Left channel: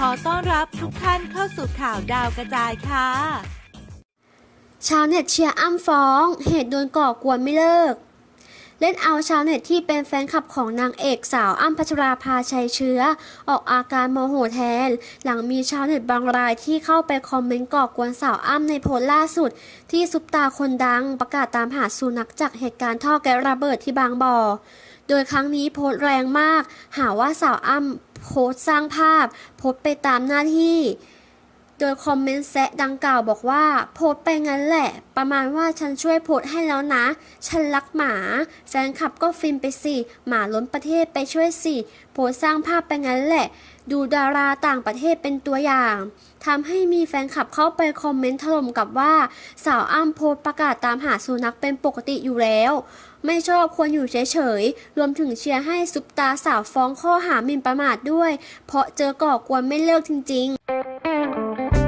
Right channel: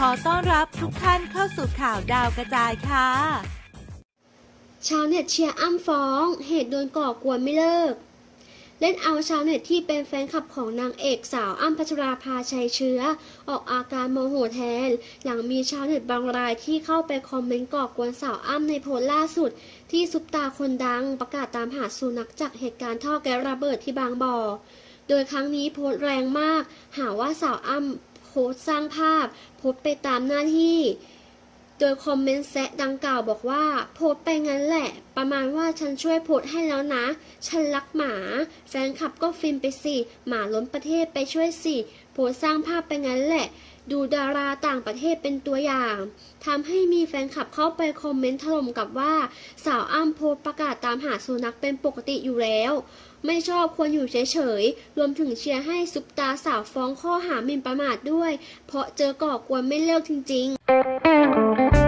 ขอต้อนรับทุกท่านเข้าสู่ข่าวดาวกระจายค่ะ ชาวเน็ตเชียร์อ้ำฟ้อง เหตุโดนก่อกวนไม่เลิก เล่นเอาชาวเน็ตที่เป็นแฟนคลับของนางเอกสาวอ้ำพัชราภาชัยเชื้อ ออกอาการโมโหแทน หลังมีชาวเน็ตบางรายที่เข้าไปคอมเมนต์ก่อกวนสาวอ้ำในโพสต์ล่าสุด ที่ซุปตาคนดังประกาศตามหาสุนัขจากเหตุการณ์ท่อแก๊สระเบิดที่บางบ่อโดยครั้งนี้โพสต์แรงมาก หาว่าสาวอ้ำ โพสต์สร้างภาพ โพสไปตามหน้าที่ โดยคอมเมนต์แซะดังกล่าวบอกว่า โพสไปงั้นแหละ ประมาณว่าฉันช่วยโพสให้แล้วนะ ฉันรักหมา แฟนคลับก็ฟินไปสิ หมาล้นประเทศไปช่วยสิ โพสสร้างภาพไปงั้นแหละ ดูดาราต่างประเทศเป็นตัวอย่างทำให้มีแฟนคลับเข้าไปคอมเมนต์ถล่มกับว่า สาวอ้ำโพสประกาศตามหาสุนัขเป็นปกติอยู่แล้ว ไม่ชอบควรอยู่เฉยๆ รวมถึงเชียร์ให้ซุปตาสาวฟ้องข้อหาหมิ่นประมาทด้วย เพราะเจอก่อกวนไม่เลิกจริง ๆ